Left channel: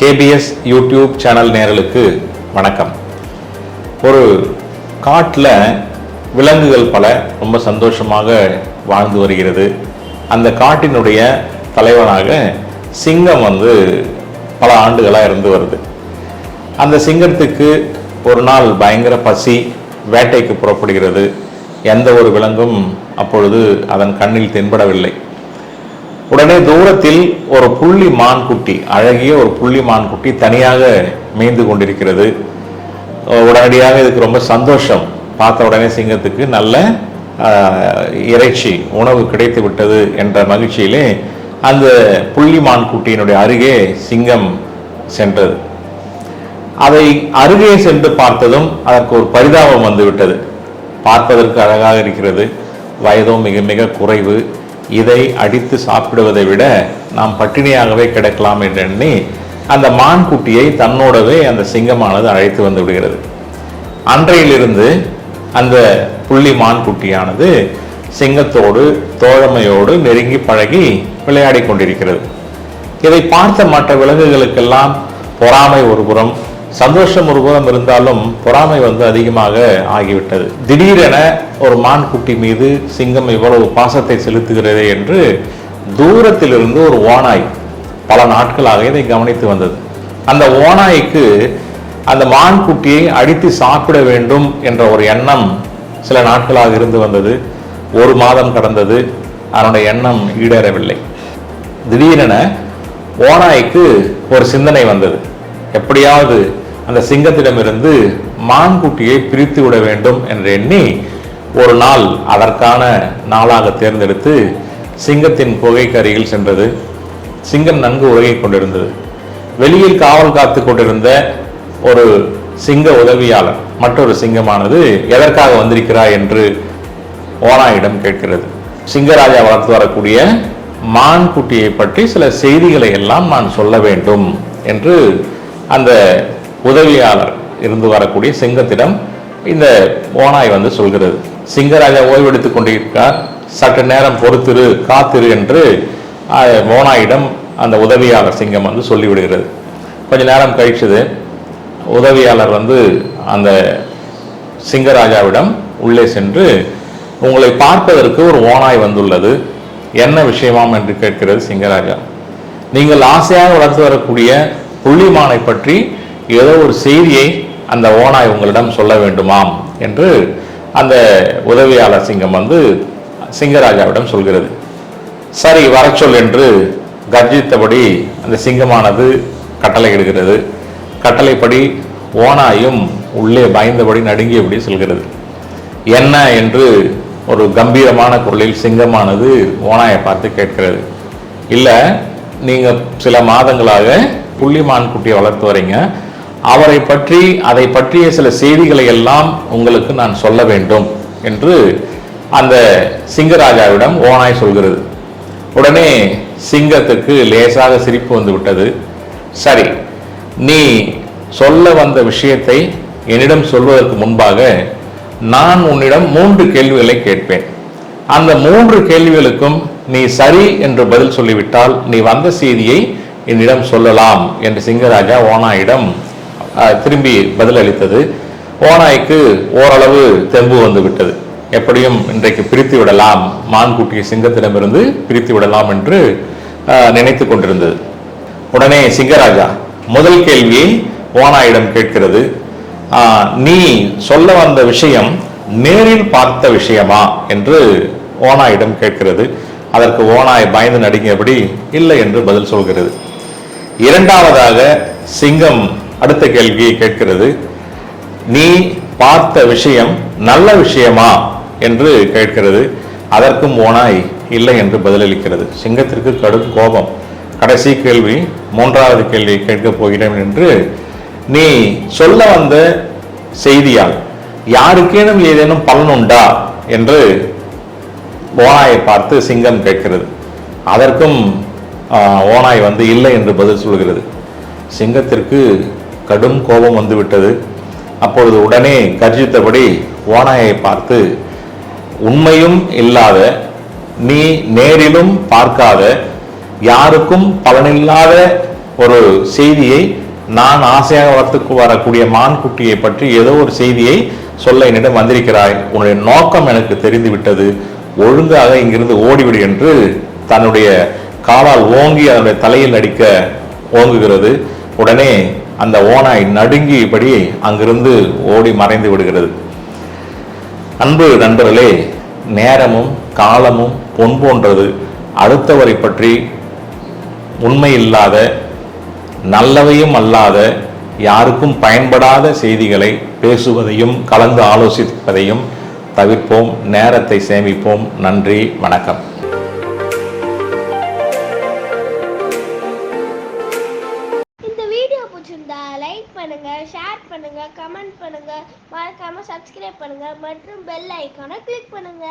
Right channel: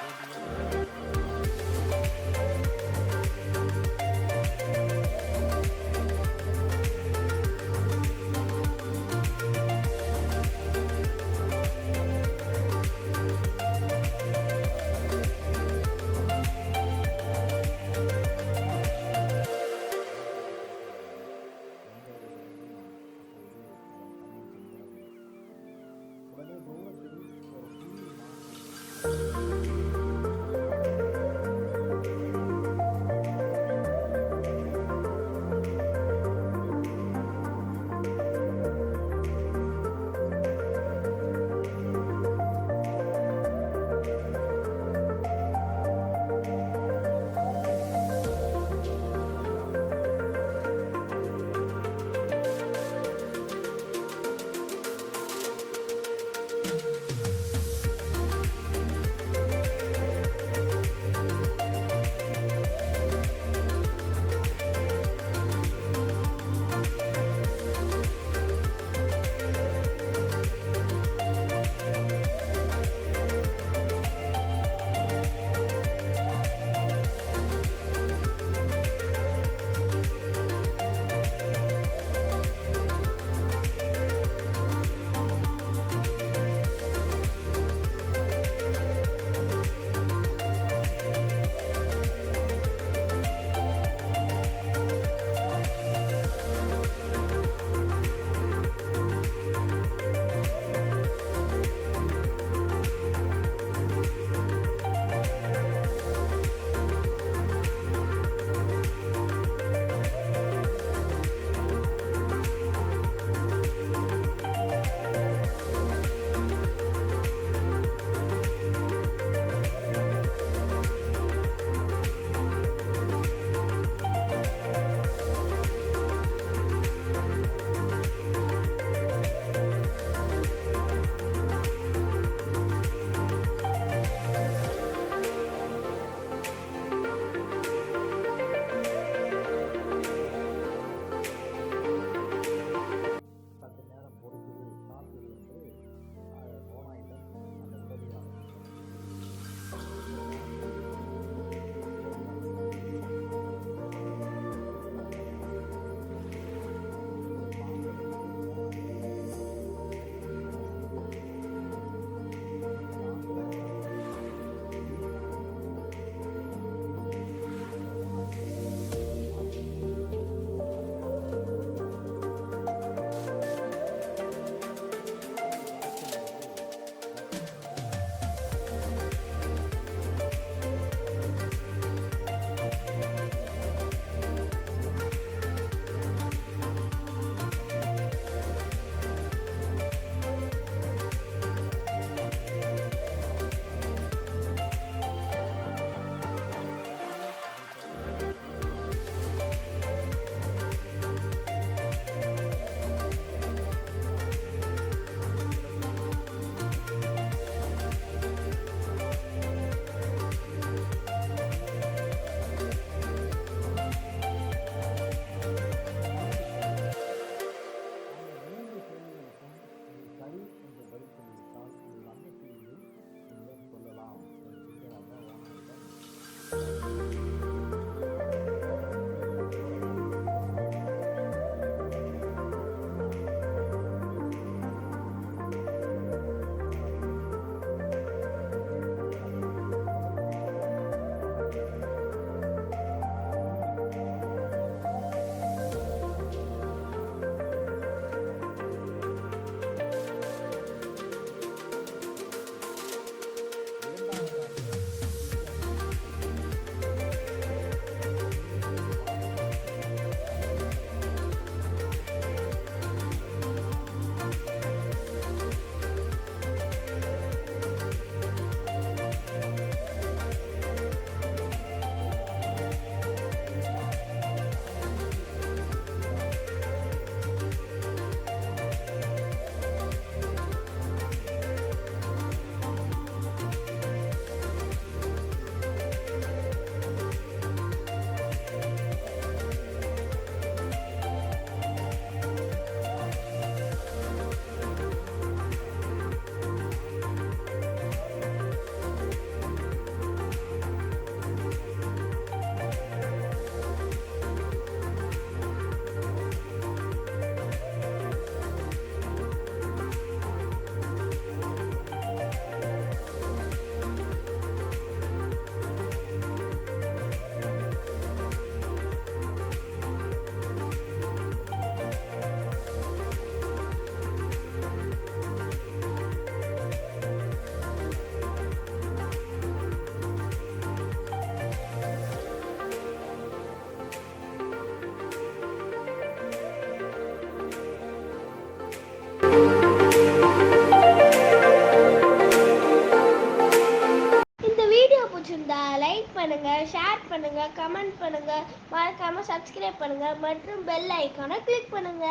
KBS YouTube channel நேயர்களுக்கு வணக்கம். ஒரு காட்டில் விலங்குகள் பல ரொம்ப சந்தோஷமாக வாழ்ந்து வருகிறது. அந்த காட்டினுடைய தலைவனாக சிங்கம் பல ஆண்டுகளாக இருந்து வருது. அந்த சிங்கத்துக்கு ஒரு நாள் பயங்கர பசி, வேட்டைக்கு புறப்படுகிறது. எந்த ஒரு விலங்கும் அப்பொழுது அதன் கண்ணில் தென்படவில்லை. உடனே தூரத்தில் ஒரு புள்ளி மான்குட்டி, அழகிய ஒரு புள்ளி மான்குட்டி தனியாக மேய்ந்து கொண்டிருக்கிறது. உடனடியாக இதுக்கு ரொம்ப சந்தோஷம். பார்த்த உடனே சிங்கத்துக்கு நல்ல இறைச்சி உணவு கிடைத்து விட்டது என்ற மகிழ்ச்சியிலே அந்த புள்ளி மான்குட்டியினுடைய அருகே சிங்கம் சென்றது. அதை அருகே சென்று பார்த்ததும் அதற்கு ஒரு பரிதாபம் வந்துவிட்டது. பார்ப்பதற்கு அழகாக இருக்கிறது, வயதும் மிக மிக குறைவு. இதை அடித்து சாப்பிடுவதை விட நாம் பட்டினியாகவே கிடக்கலாம் என்று எண்ணி அந்த மான்குட்டியை தன்னோடவே அந்த சிங்கமானது அழைத்து வந்து விடுகிறது. அன்றையிலிருந்து அந்த புள்ளி மான்குட்டியானது சிங்கத்தோடு தோழமையோடு நெருங்கி பழகி விளையாடி கொண்டிருக்கிறது. இதை பார்த்த மற்ற விலங்குகளுக்கெல்லாம் பொறாமை ஒரு புறம், சந்தோஷம் ஒரு புறம் இருந்தாலும் பொறாமை அதிகமாக ஆகிவிட்டது. திடீரென ஒரு மான்குட்டி மீது சிங்கம் இவ்வளவு பாசத்தை செலுத்துகிறது என்று தூரத்திலிருந்து ஒரு ஓநாய் பல நாட்களாக இதை கவனித்து வந்தது. அந்த ஓநாய்க்கு அந்த மான்குட்டியை அடித்து சாப்பிட வேண்டும் என்ற ஒரு எண்ணம் சில நாட்களாக இருந்து வந்தது. ஒரு மாதம் கடந்தது, அதனுடைய எண்ணம் ஈடேறவில்லை. திடீரென ஓநாய்க்கு ஒரு சிந்தனை வந்தது. எப்படியாவது அந்த சிங்கத்திடமிருந்து மான்குட்டியை பிரித்து விட வேண்டும் என்று எண்ணி ஒரு நாள் அதற்கான நாளாக தேர்ந்தெடுத்து சிங்கத்தின் குகைக்கு அருகில் சென்றது. சிங்கம் நன்கு உறங்கிக் கொண்டிருந்தது. வெளியில் காவல் காத்து கொண்டிருந்த ஒரு சிங்க உதவியாளர் மற்றொரு சிங்கமானது எதற்காக வந்திருக்கிறாய் என்று ஓநாயிடம் கேட்கிறது. சிங்கராஜா வளர்த்து வரக்கூடிய மான்குட்டியை பற்றி சில செய்திகளை எல்லாம் நான் சொல்ல வேண்டும் என்று அந்த உதவியாளர் இருந்து வரக்கூடிய சிங்கத்திடம் இந்த ஓநாய் சொல்கிறது. சிங்கராஜா ஓய்வெடுத்துக் கொண்டிருக்கிறார், சற்று நேரம் பொறுத்திரு, காத்திரு என்று ஓநாயிடம் அந்த உதவியாளர் சிங்கம் சொல்லிவிடுகிறது. கொஞ்ச நேரம் கழிச்சது. உதவியாளர் அந்த சிங்கராஜாவிடம் உள்ளே சென்று, உங்களை பார்ப்பதற்கு ஒரு ஓநாய் வந்துள்ளது, என்ன விஷயமாம் என்று கேட்கிறது சிங்கராஜா. நீங்கள் ஆசையாக வளர்த்து வரக்கூடிய புள்ளிமானை பற்றி ஏதோ ஒரு செய்தியை அந்த ஓநாய் உங்களிடம் சொல்ல வேண்டுமாம் என்று அந்த உதவியாளர் சிங்கம் சிங்கராஜாவிடம் சொல்கிறது. சரி, வர சொல் என்று கர்ஜித்தபடி அந்த சிங்கமானது கட்டளை இடுகிறது. கட்டளைப்படி ஓநாயும் உள்ளே பயந்தபடி நடுங்கியபடி சொல்கிறது. என்ன என்று ஒரு கம்பீரமான குரலில் சிங்கமானது ஓநாயை பார்த்து கேட்கிறது. இல்லை, நீங்க சில மாதங்களாக புள்ளிமான் குட்டியை வளர்த்து வரீங்க, அவரை பற்றி அதை பற்றிய சில செய்திகளை எல்லாம் உங்களுக்கு நான் சொல்ல வேண்டும் என்று அந்த சிங்கராஜாவிடம் ஓநாய் சொல்கிறது. உடனே சிங்கத்துக்கு லேசாக சிரிப்பு வந்து விட்டது. சரி, நீ சொல்ல வந்த விஷயத்தை என்னிடம் சொல்வதற்கு முன்பாக நான் உன்னிடம் 3 கேள்விகளை கேட்பேன். அந்த 3 கேள்விகளுக்கும் நீ சரி என்று பதில் சொல்லிவிட்டால் நீ வந்த செய்தியை என்னிடம் சொல்லலாம் என்று சிங்கராஜா ஓநாயிடம் திரும்பி பதில் அளித்தது. ஓநாய்க்கு ஓரளவு தெம்பு வந்து விட்டது. எப்படியும் இன்றைக்கு பிரித்து விடலாம், மான்குட்டியை சிங்கத்திடமிருந்து பிரித்து விடலாம் என்று நினைத்து கொண்டிருந்தது. உடனே சிங்கராஜா முதல் கேள்வியை ஓநாயிடம் கேட்கிறது. நீ சொல்ல வந்த விஷயம் நேரில் பார்த்த விஷயமா என்று ஓநாயிடம் கேட்கிறது. அதற்கு ஓநாய் பயந்து நடுங்கியபடி இல்லை என்று பதில் சொல்கிறது. இரண்டாவதாக சிங்கம் அடுத்த கேள்வியை கேட்கிறது. நீ பார்த்த விஷயம் நல்ல விஷயமா என்று கேட்கிறது. அதற்கும் ஓநாய் இல்லை என்று பதிலளிக்கிறது. சிங்கத்திற்கு கடும் கோபம். கடைசி கேள்வி, 3வது கேள்வியை கேட்கப் போகிறேன் என்று, நீ சொல்ல வந்த செய்தியால் யாருக்கேனும் ஏதேனும் பலனுண்டா என்று ஓநாயை பார்த்து சிங்கம் கேட்கிறது. அதற்கும் ஓநாய் இல்லை என்று பதில் சொல்கிறது. சிங்கத்திற்கு கடும் கோபம் வந்துவிட்டது. அப்பொழுது உடனே கர்ஜித்தபடி ஓநாயை பார்த்து, உண்மையும் இல்லாத, நீ நேரிலும் பார்க்காத, யாருக்கும் பலனில்லாத ஒரு செய்தியை, நான் ஆசையாக வளர்த்துக்கு வரக்கூடிய மான்குட்டியை பற்றி ஏதோ ஒரு செய்தியை சொல்ல என்னிடம் வந்திருக்கிறாய், உன்னுடைய நோக்கம் எனக்கு தெரிந்து விட்டது, ஒழுங்காக இங்கிருந்து ஓடிவிடு என்று தன்னுடைய காலால் ஓங்கி அதனுடைய தலையில் அடிக்க ஓங்குகிறது. உடனே அந்த ஓநாய் நடுங்கியபடி அங்கிருந்து ஓடி மறைந்து விடுகிறது. அன்பு நண்பர்களே, நேரமும் காலமும் பொன் போன்றது. அடுத்தவரை பற்றி உண்மை இல்லாத, நல்லவையும் அல்லாத, யாருக்கும் பயன்படாத செய்திகளை பேசுவதையும் கலந்து ஆலோசிப்பதையும் தவிர்ப்போம். நேரத்தை சேமிப்போம். நன்றி, வணக்கம். லைக் பண்ணுங்க, ஷேர் பண்ணுங்க, கமெண்ட் பண்ணுங்க, மறக்காம சப்ஸ்கிரைப் பண்ணுங்க மற்றும் பெல் ஐகானை கிளிக் பண்ணுங்க.